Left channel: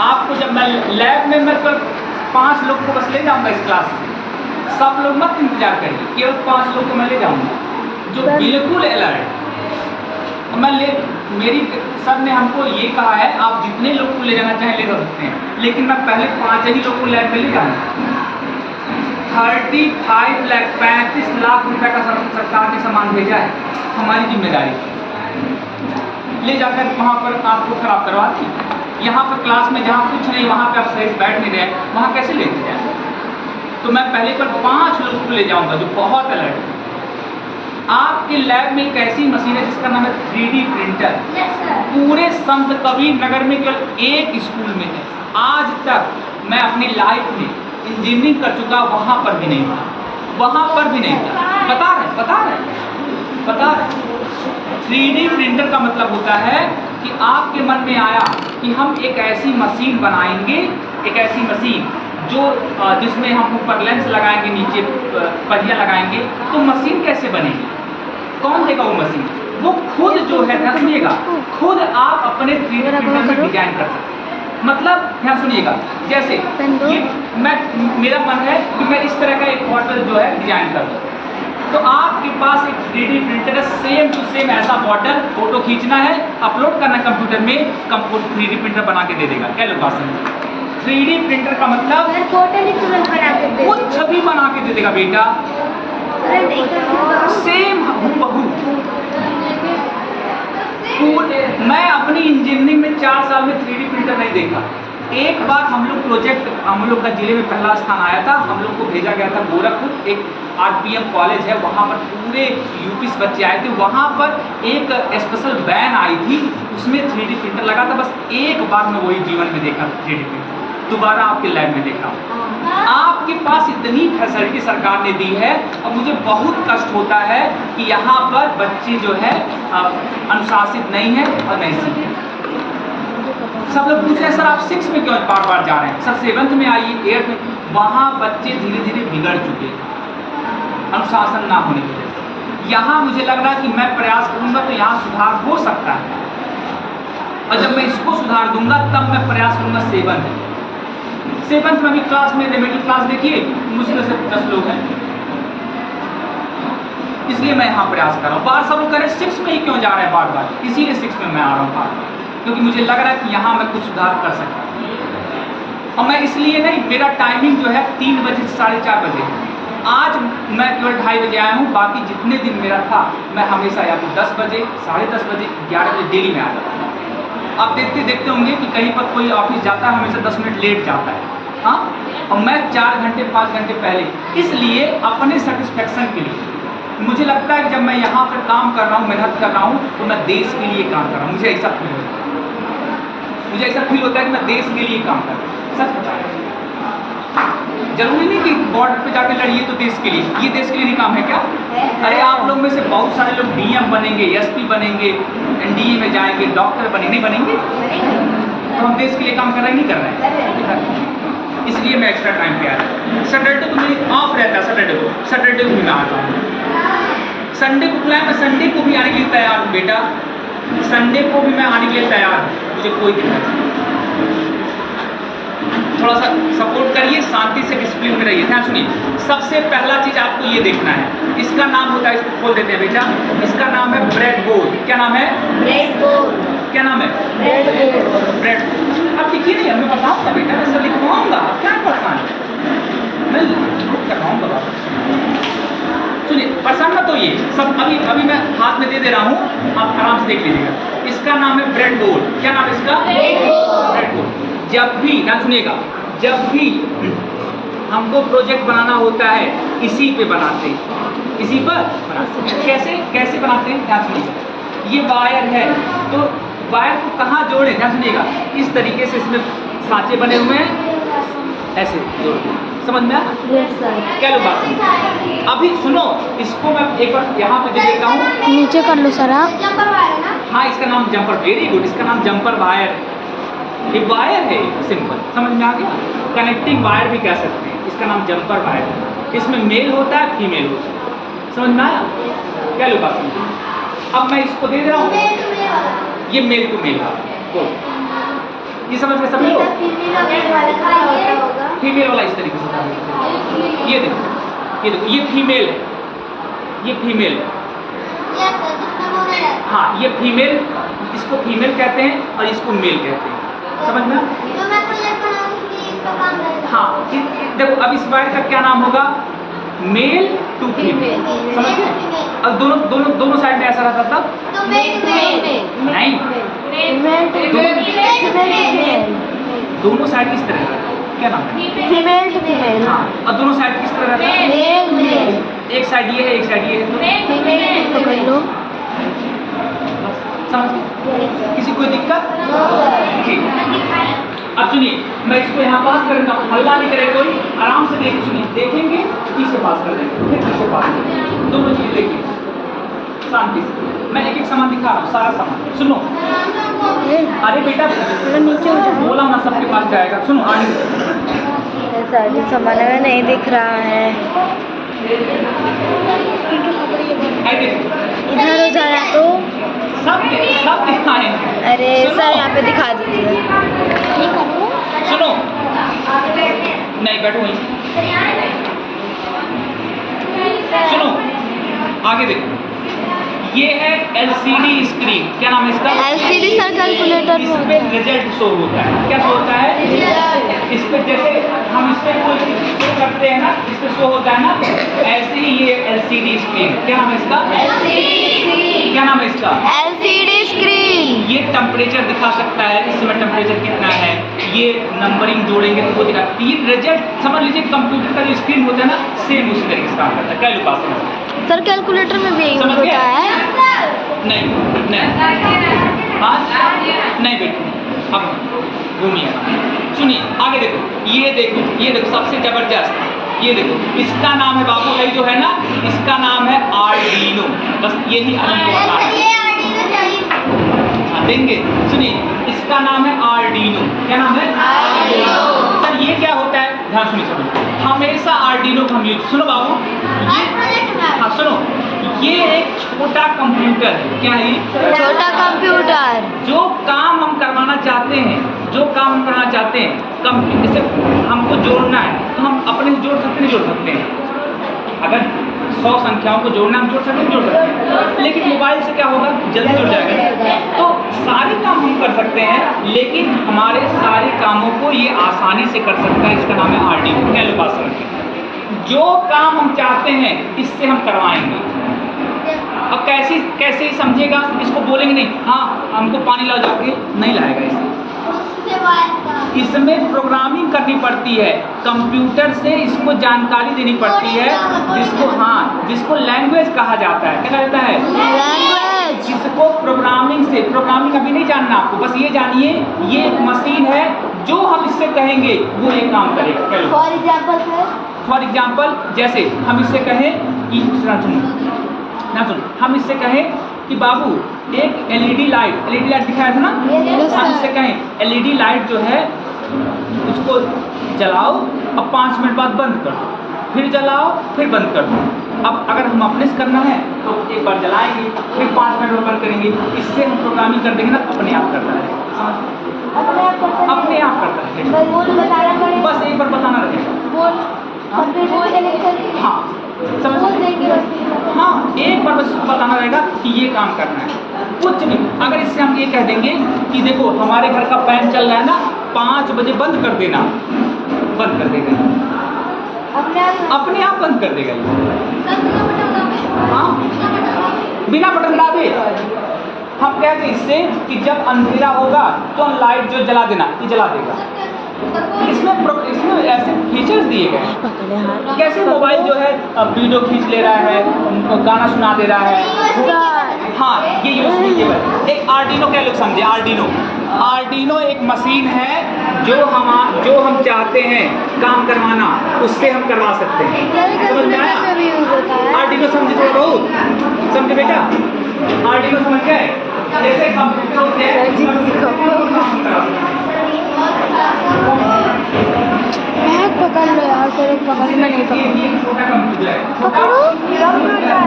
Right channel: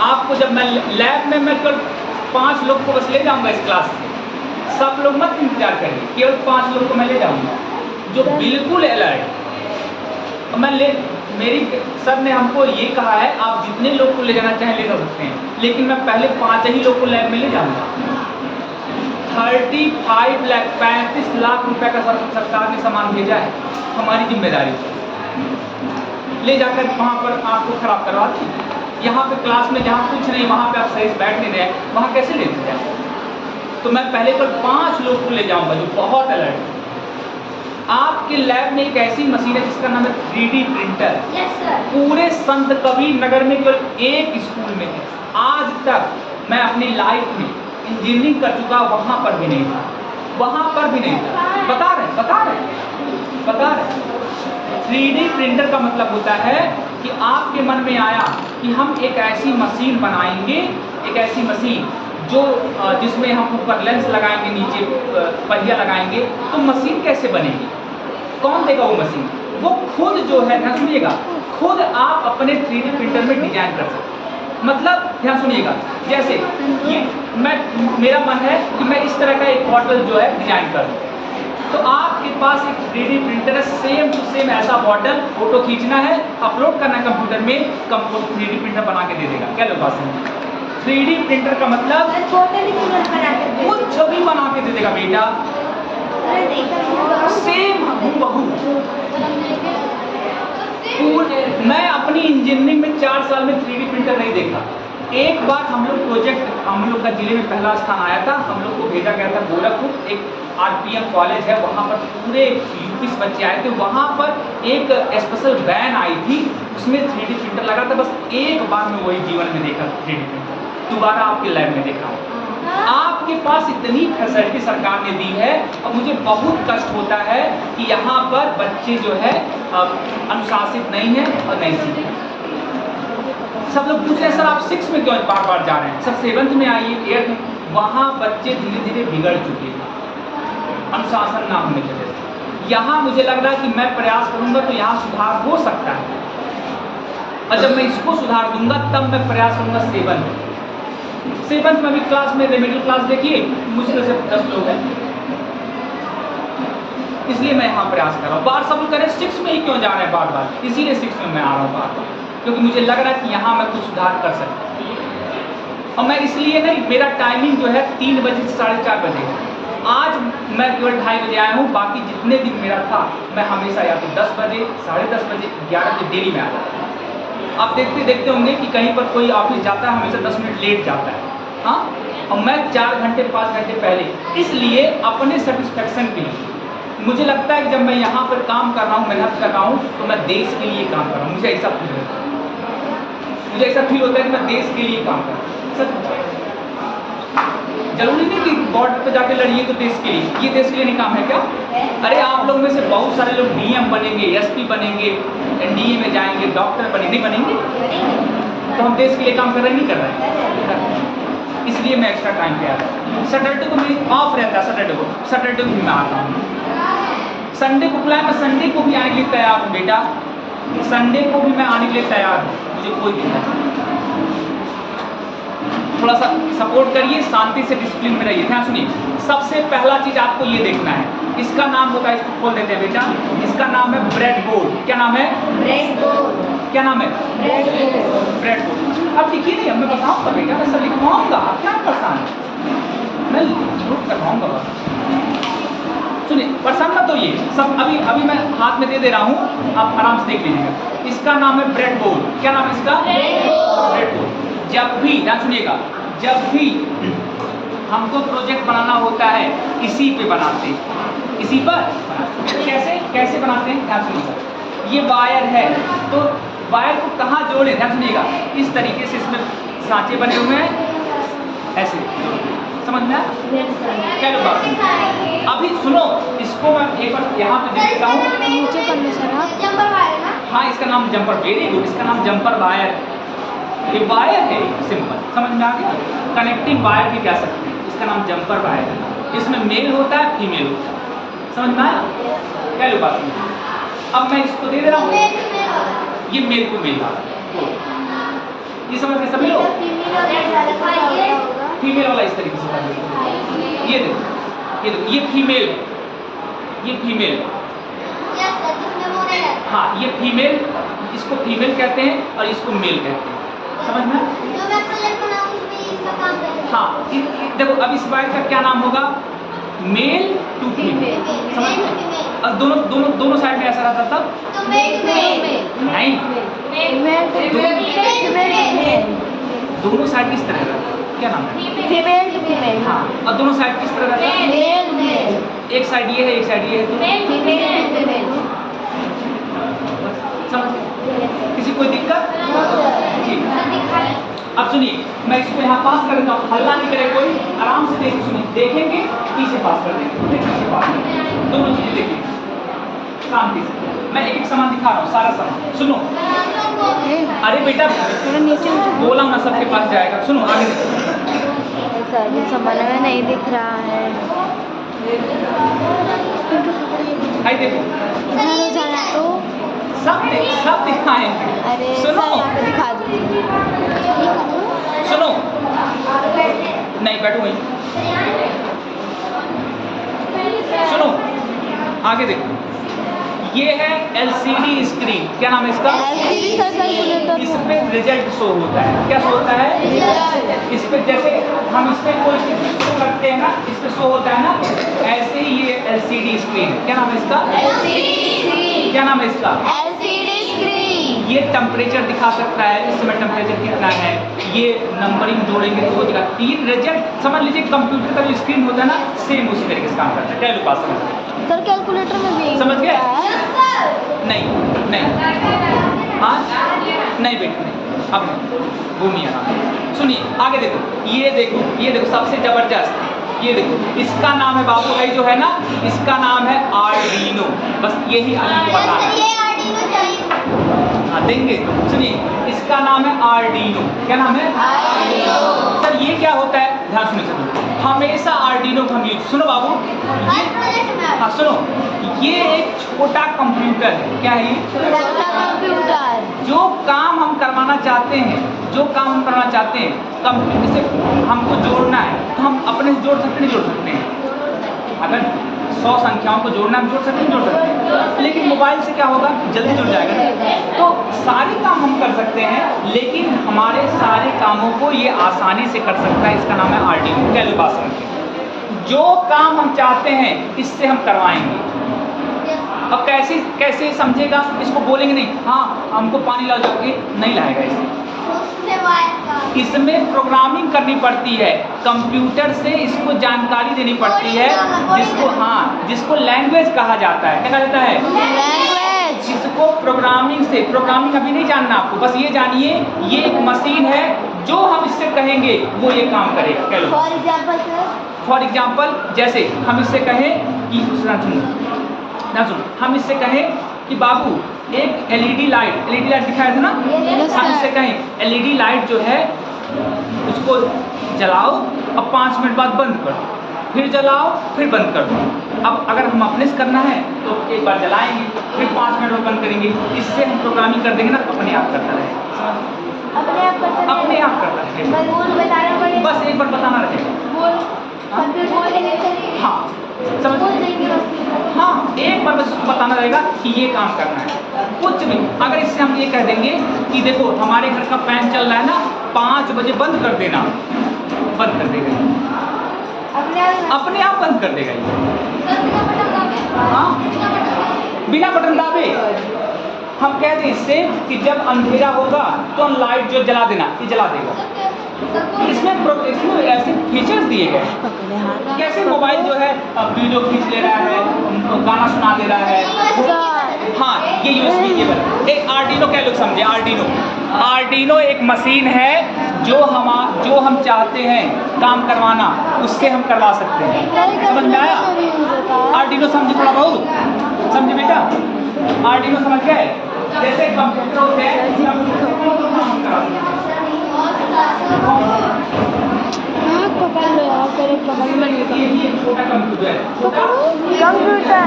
आपको जब मैं लैब में मैं केवल 5 लोग को बस ले जाऊंगा इस क्लास में, सब लोग मत इंतजार करिए, केवल 5 लोग को मैं ले जाऊंगा जो बिल्कुल अलर्ट। मेरी सर ने हमको ये कहा है आप जितने लोग को ले जाना चाहें ले जा सकते हैं, लेकिन मैं पहले 5 ही लोग को लैब में ले जाऊंगा। 35 लाख 35 लाख रुपए का सरकार ने सामान भेजा है, हमारी जिम्मेदारी ले जाकर वहाँ पर आपको खराब करवा दी। यहाँ पर क्लास में जहाँ कुछ नहीं वहाँ पे आप सही से बैठ नहीं रहे, वहाँ कैसे लेते जाए? तो मैं पहले पर 5 लोग को ले जाऊंगा जो बहुत अलर्ट है। आपके लैब में एक ऐसी मशीन है जिसका नाम है 3D प्रिंटर। पूरे संत कबीर नगर में केवल एक स्कूल में है। आज तक मैं अपनी लाइफ में इंजीनियरिंग कर चुका, वहाँ पर भी नहीं था, वहाँ पर भी नहीं था। बता रहे 3D प्रिंटर का मतलब होता है कि आपके मन में आया कि हम एक ऐसी मशीन बनाएंगे, एक ऐसी मशीन जो जिसमें हम ऊपर लेंस लगाएंगे, नीचे पहिया लगाएंगे, तो मशीन कैसे बनेगी? कौन देगा वो मशीन? वो खुद जो है, ध्यान सुनिएगा, खुद आप अपने 3D प्रिंटर में डिजाइन कर सकते हैं। मतलब ध्यान सुनिएगा, जैसे ये मेरा मन है कि मैं इस तरह का एक बॉटल जो है डिजाइन करूँ, तो आपके पास एक 3D प्रिंटर है, सेम टू सेम ऐसा बॉटल फोटो खींचना है, अपलोड करना कंप्यूटर में, 3D प्रिंटर बना के दे देगा। क्या लोग बात समझे? 3D प्रिंटर का मतलब वो छवि बना के दे देगा बेटा, सेम हूबहू। मैं अपनी इंजीनियरिंग में 4 साल में 3D प्रिंटर नहीं देखा। एक बार हम लोग का जिले में पहला स्थान आया था, हम लोग को भेजा गया था गोरखपुर, एक RPM कॉलेज है, वहाँ पर पूरे यूपी से बच्चे आए थे। वहाँ पर एक स्पेशल वैन आई थी, उसमें 3D प्रिंटर लगा था। बस एक बार मैं वही जीवन में देखा 3D प्रिंटर, दोबारा आपके लैब में देखा हूँ। आपके पास इतनी फैसिलिटी सरकार ने दी है, और मुझे बहुत कष्ट होता है कि यहाँ पर बच्चे जो है अनुशासित नहीं है और नहीं सीखे। सब लोग पूछते हैं सर आप 6 में क्यों बार बार जा रहे हैं? सर 7th में आइए, 8th में। वहाँ बच्चे धीरे धीरे बिगड़ चुके हैं अनुशासन ना होने की वजह से। यहाँ मुझे लग रहा है कि मैं प्रयास करूँगा तो यहाँ सुधार हो सकता है, और जब मैं इसको सुधार दूंगा तब मैं प्रयास करूँगा 7th में भी क्लास में मिडिल क्लास देखिए मुश्किल से 10 लोग हैं, इसलिए मैं यहाँ प्रयास कर रहा हूँ। बार सब लोग कह रहे 6 में ही क्यों जा रहे हैं बार बार, इसीलिए 6 में मैं आ रहा हूँ बार बार, क्योंकि मुझे लग रहा है कि यहाँ मैं कुछ सुधार कर सकता हूँ। और मैं इसलिए नहीं, मेरा टाइमिंग जो है 3 बजे से 4:30 बजे है। आज मैं केवल 2:30 बजे आया हूँ, बाकी जितने दिन मेरा था मैं हमेशा या तो 10 बजे, 10:30 बजे, 11 बजे डेली में आ जाता हूँ। आप देखते होंगे कि कहीं पर कोई ऑफिस जाता है हमेशा 10 मिनट लेट जाता है, हाँ, और मैं 4 घंटे 5 घंटे पहले, इसलिए अपने सेटिस्फेक्शन के लिए। मुझे लगता है कि जब मैं यहाँ पर काम कर रहा हूँ, मेहनत कर रहा हूँ, तो मैं देश के लिए काम कर रहा हूँ। मुझे ऐसा फील होता है कि मैं देश के लिए काम कर रहा हूँ। सच जरूरी नहीं कि बॉर्डर पे जाके लड़िए तो देश के लिए, ये देश के लिए नहीं काम है क्या? अरे आप लोग में से बहुत सारे लोग DM बनेंगे, SP बनेंगे, NDA में जाएंगे, डॉक्टर नहीं बनेंगे, तो हम देश के लिए काम कर रहे नहीं कर रहे हैं। इसलिए मैं एक्स्ट्रा टाइम पे आ रहा हूँ। सैटरडे को मेरी ऑफ रहता है, सैटरडे को भी मैं आता हूँ। संडे को खुला है, मैं संडे को भी आने के लिए तैयार हूँ बेटा, संडे को भी मैं आने के लिए तैयार हूँ, मुझे कोई दिक्कत नहीं। थोड़ा सा सपोर्ट करिए, शांति से डिसिप्लिन में रहिए। ध्यान सुनिए, सबसे पहला चीज आपको ये देखना है, इसका नाम होता है, इसको खोल देते हैं बेटा, इसका नाम है ब्रेड बोर्ड। क्या नाम है? Bread board. क्या नाम है? Bread board. Bread board. अब देखिए नहीं, मैं बताऊंगा बेटा, मैं सब लिखवाऊंगा, आप क्या परेशान है, मैं प्रूफ करवाऊंगा। सुनिए, परेशान मत होइए, सब अभी मैं हाथ में दे रहा हूँ, आप आराम से देख लीजिएगा। इसका नाम है ब्रेड बोर्ड। क्या नाम है इसका? Bread board. जब भी, ध्यान सुनिएगा, जब भी हमको प्रोजेक्ट बनाना होता है इसी पे बनाते हैं, इसी पर बनाते हैं। कैसे बनाते हैं? ध्यान सुनिएगा, ये वायर है, तो वायर को कहाँ जोड़े? ध्यान सुनिएगा, इस तरीके से इसमें सांचे बने हुए हैं, ऐसे जोड़ते हैं। समझ में आया? क्या लोग बात सुनिए, अभी सुनो, इसको मैं एक बार यहाँ पे दे देता हूँ, नीचे कर लो सर आप। जंपर वायर है ना? हाँ, इसका नाम जंपर, वेरी गुड, इसका नाम जंपर वायर। ये वायर है, सिंपल, समझ में आ गया? कनेक्टिंग वायर भी कह सकते हैं, इसका नाम जंपर वायर है। इसमें मेल होता है, फीमेल होता है। समझ में आया? क्या लोग बात सुनिए, अब मैं इसको दे रहा हूँ, ये मेल टू मेल वाला, ये समझ गए सभी लोग? फीमेल वाला इस तरीके से था। ये देखो ये फीमेल है, ये फीमेल है। हाँ ये फीमेल, इसको फीमेल कहते हैं और इसको मेल कहते हैं, समझ में? हाँ देखो अब इस वायर का क्या नाम होगा? मेल टू फीमेल, समझ गए? और दोनों साइड में ऐसा रहता था नहीं, दोनों साइड किस तरह का? क्या नाम है? Female to female. हाँ और दोनों साइड किस तरह रहता है? Mail mail. एक साइड ये है, एक साइड ये है, फीमेल टू फीमेल। समझ गए? किसी कोई दिक्कत? ठीक। अब सुनिए मैं इसको यहाँ पास करूँगा, हल्ला नहीं करे कोई, आराम से देख सुनिए, देखेंगे पीछे पास कर देंगे, फिर पीछे पास कर देंगे, दोनों चीजें देखिए शांति से। मैं एक एक सामान दिखा रहा हूँ, सारा सामान सुनो। अरे बेटा नीचे बोला ना सबके पास जाएगा, सुनो आगे। सारी सामान में नहीं दिख रहा है, आई देखो इधर हो जाना तो सब दिखाएं। अरे सर यहाँ पे दिखा दीजिए। सुनो नहीं बैठो वहीं, सुनो आगे देखो, ये है LCD स्क्रीन, क्या नाम है इसका? LCD सर कैलकुलेटर इसमें रिजल्ट शो होता है, क्या शो होता है? रिजल्ट। इस पे जैसे हम इस पे कोई शो करते हैं ना, इस पे शो होता है ना, ऐसे ही ये LCD स्क्रीन है, क्या नाम है इसका? क्या नाम है इसका? LCD screen. ये टेम्परेचर दिखा सकता है, इस समय टेम्परेचर कितना है, ये नंबरिंग जोड़ेंगे तो वो दिखा, ये रिजल्ट समझ लीजिए कंप्यूटर का जो स्क्रीन होता है ना, सेम उसी तरीके से काम करता है। क्या लोग बात समझ? सर कैलकुलेटर में भी यही समझ होता गए? है? नहीं हाँ नहीं बेटे अब घूमिए, सुनिए आगे देखो, ये देखो सबसे जबरदस्त, ये देखो इसका नाम है बाबू भाई जो है ना, इसका नाम है आर्डिनो, बस यही आपको बताना है। हाँ देंगे, सुनिए इसका नाम है आर्डिनो, क्या नाम है? आर्डिनो। सर ये क्या होता है? ध्यान सुनिए, हमेशा आर्डिनो को हम यूज, सुनो बाबू हाँ सुनो, ये एक छोटा कंप्यूटर है, क्या है? छोटा कंप्यूटर। जो काम हम करवाना चाहते हैं, कंप्यूटर से हमको जोड़ना है तो हम अपने से जोड़ सकते नहीं जोड़ सकते हैं? अगर 100 संख्याओं को जोड़ना हम जोड़ सकते नहीं जोड़ सकते, लेकिन मोबाइल से क्या होगा? जल्दी जुड़ जाएगा। तो सारे काम हम कर सकते हैं, लेकिन हमारे सारे कामों को ये आसानी से कर सकता है, इसका नाम है आर्डिनो। क्या लोग बात समझे? जो काम हम चाहते हैं इससे हम करवाएंगे। अब कैसे समझेगा? इसको बोलेंगे नहीं हाँ हमको पानी लाओ जाके, नहीं लाएगा इसमें प्रोग्रामिंग करनी पड़ती है, कंप्यूटर से इसको जानकारी देनी पड़ती है, जिसको लैंग्वेज कहा जाता है। क्या कहा जाता है? लैंग्वेज। जिसको प्रोग्रामिंग अभी नहीं जानना आपको, बस ये जानिए ये एक मशीन है, जो हम इससे कहेंगे वो ये काम करेगा। फॉर एग्जाम्पल जैसे हम इससे कहें कि हम इससे कहें कि बाबू एक LED लाइट दिखाया था ना, हम इससे कहें LED लाइट जो है उसको जलाओ अब 5 मिनट बाद बंद कर दो, फिर जलाओ फिर बंद कर दो। अब अगर हम अपने से करना है तो एक बार जलाएंगे फिर 5 मिनट में बंद करेंगे, इससे हम प्रोग्रामिंग कर देंगे ना, अपने आप करता रहेगा, अपने आप करता रहेगा, बस एक बार बताना रहेगा। हाँ समझ हाँ एक बार बस बताना रहेगा कि ये काम करना है, कुछ नहीं। अगर इससे हम ये कह देंगे कि देखो हमारे घर का फैन चल रहा है ना, 5 बजे बंद कर देना, बंद कर देगा, अपने आप बंद कर देगा ये। हाँ बिना बटन दाबे हम कह दें इससे कि जब अंधेरा होगा तो लाइट जो जला देना, ये जला देगा। इसमें ऐसे फीचर्स दिए गए, कैसे मोबाइल जो है वीडियो खींच ले रहा है, गाना सुना दे रहा है। हाँ ये USB केबल। एक आर्डिनो क्या लोग समझे? आर्डिनो एक मशीन है जो हम चाहते हैं काम करवाना, उससे हम करवा सकते हैं। समझ में आया? आर्डिनो समझे थोड़ा बहुत? समझे बेटा? आर्डिनो समझ गए? जैसे कंप्यूटर होते हैं, पकड़ लो यार, तेरे पकड़ में नहीं ये छोटा कंप्यूटर है,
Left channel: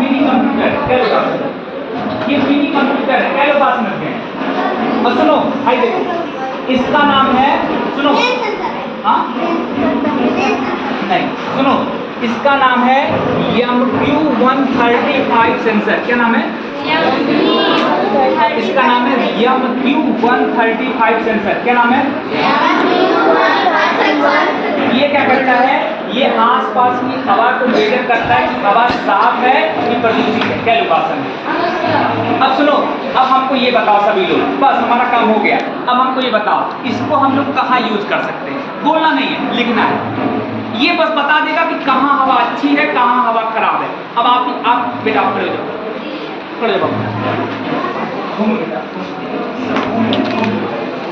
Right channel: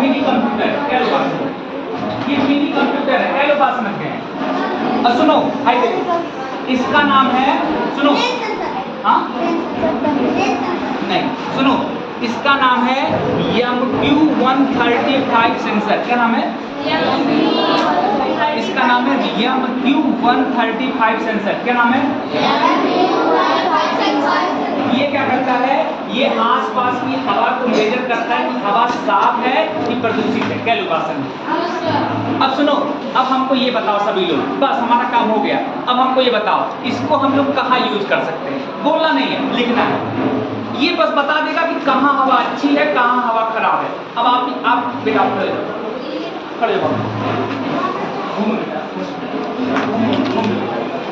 मिनी कंप्यूटर है, क्या लोग बात समझ गए? सुनो भाई देखो इसका नाम है, सुनो, हाँ नहीं सुनो, इसका नाम है MQ135 सेंसर। क्या नाम है? इसका नाम है MQ135 सेंसर। क्या नाम है? ये क्या करता है? ये आसपास की हवा को मेजर करता है कि हवा साफ है कि प्रदूषित है, कैलकुलेशन है। अब सुनो, अब हमको ये बताओ सभी लोग, बस हमारा काम हो गया। अब हमको ये बताओ, इसको हम लोग कहाँ यूज कर सकते हैं? बोलना नहीं है, लिखना है। ये बस बता देगा कि कहाँ हवा अच्छी है, कहाँ हवा खराब है। अब आप बेटा खड़े जाओ, खड़े जाओ, घूमो बेटा,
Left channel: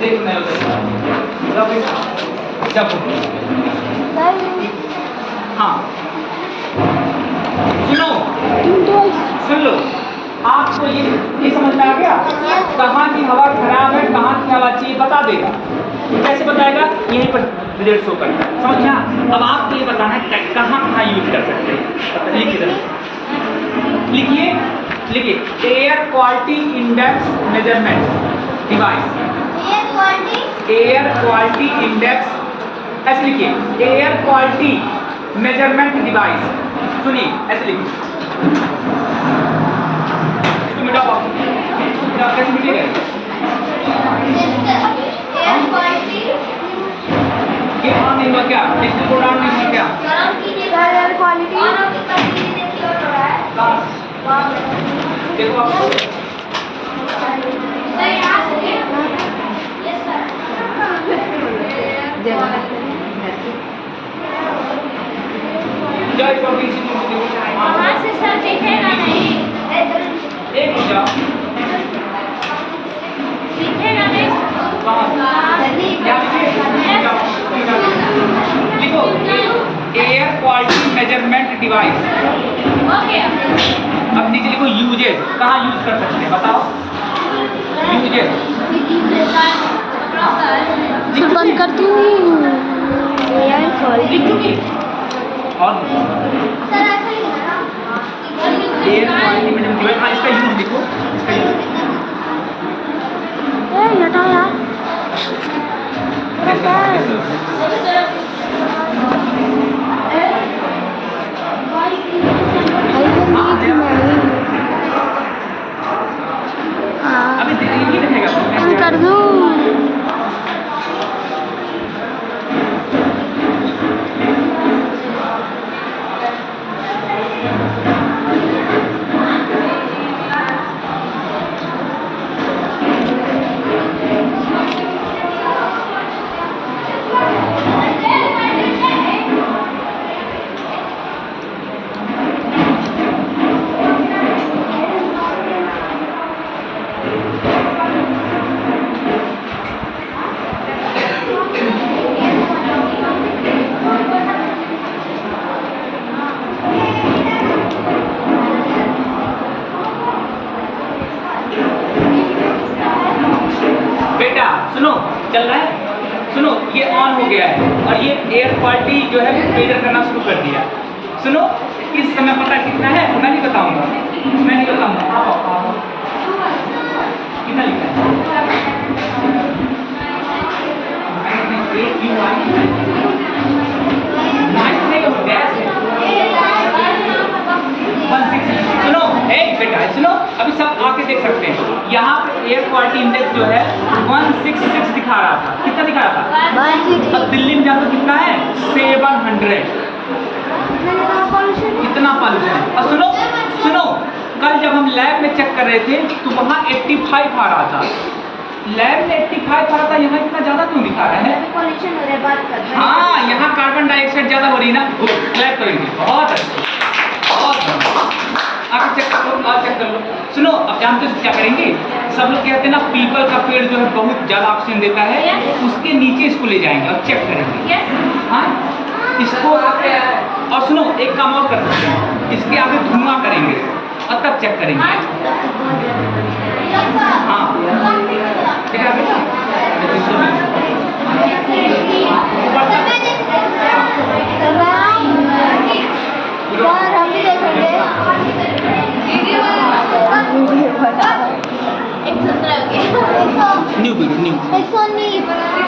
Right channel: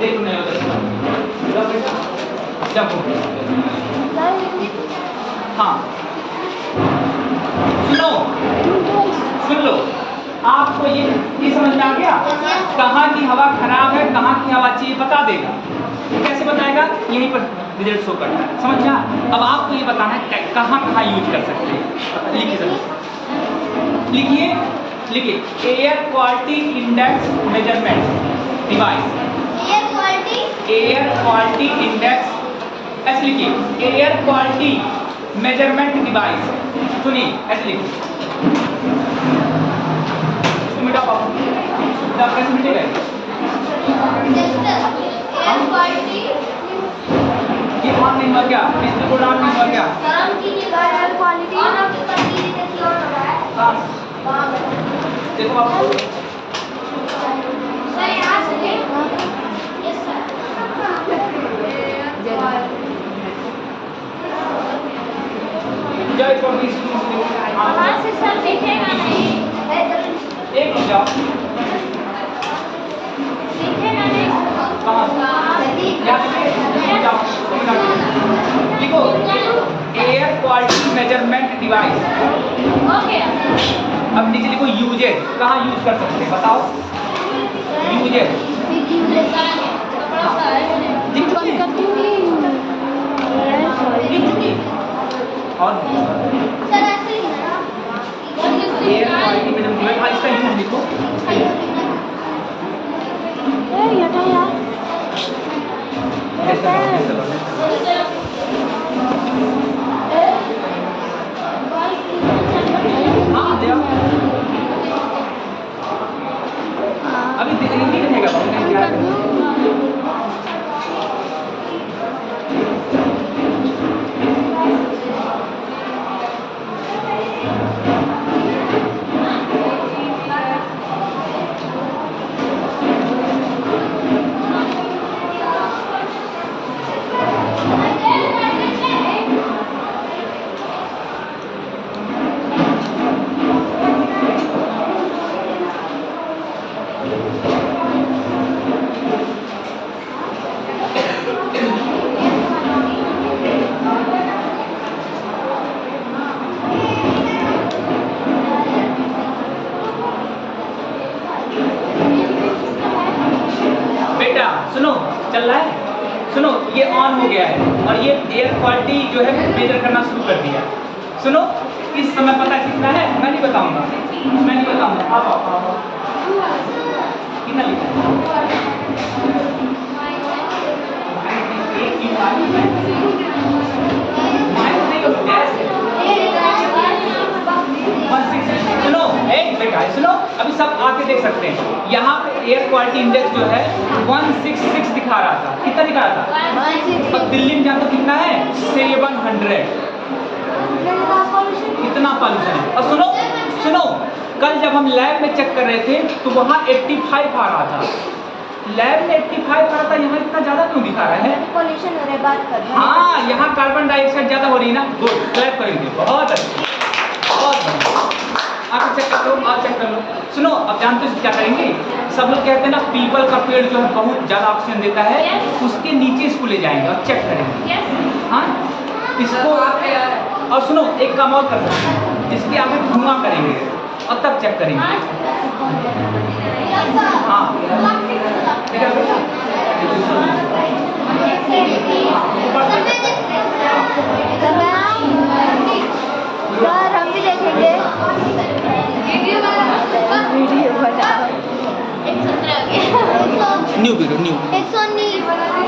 देखो मैं उधर जब हाँ सुनो, सुन लो, आपको ये समझ में आ गया? कहाँ की हवा खराब है, कहाँ की हवा अच्छी है, बता देगा। कैसे बताएगा? यहीं पर रिजल्ट शो करता है, समझना। अब आपको ये बताना है कहाँ कहाँ यूज कर सकते हैं। लिखिए, लिखिए, air quality index measurement device. Air quality index, ऐसे लिखिए, एयर क्वालिटी मेजरमेंट डिवाइस। सुनिए, ऐसे लिखिए, इसको मिटा पाओ, कैसे मिटेगा? ये ऑन नहीं हुआ क्या? डिजिटल कोड ऑन नहीं हुआ क्या? एयर क्वालिटी देखो आपको जय स्वामी एक हो जाओ, लिखो एयर क्वालिटी मेजरमेंट डिवाइस। अब नीचे लिखो यूजेज, कहाँ यूज कर सकते हैं बताओ? यूजेज बंद कर दूँ। और एयर क्वालिटी मेजरमेंट डिवाइस, हाँ इसका यूज लिखो, इसका यूज हटाओ यार। अभी नहीं लिखेगा कर दूँ। सुनो, चल रहा है, सुनो, ये ऑन हो गया है और ये एयर क्वालिटी जो है मेजर करना शुरू कर दिया। सुनो, इस समय पता कितना है? मैं नहीं बताऊंगा, मैं नहीं बताऊंगा। आप कितना लिखा है? सुनो, बेटा सुनो, अभी सब आके देख सकते हैं। यहाँ एयर क्वालिटी इंडेक्स जो है 166 दिखा रहा था। कितना दिखा रहा था? 166। अब दिल्ली में जानो कितना है? 700। कितना पॉल्यूशन है। और सुनो सुनो, कल जब हम लैब में चेक कर रहे थे तो वहाँ 85 आ रहा था। लैब में 85 आ रहा था, यहाँ इतना ज़्यादा क्यों दिखा रहा है? पॉल्यूशन हो रहा है, बात कर। हाँ, यहाँ कार्बन डाइऑक्साइड ज़्यादा हो रही है ना। गुड, क्लैप करेंगे, बहुत अच्छा, बहुत बढ़िया। आप चेक कर लो, आप चेक कर लो। सुनो, अब जानते हो क्या करेंगे? सब लोग कहते हैं ना पीपल का पेड़ जो है बहुत ज़्यादा ऑक्सीजन देता है, उसके नीचे इसको ले जाएंगे और चेक करेंगे। हाँ, इसको। और सुनो, एक काम और कर सकते हैं, इसके आगे धुआं करेंगे और तब चेक करेंगे। हाँ, बेटा बेटा हम भी देखेंगे वीडियो बना। New video new 119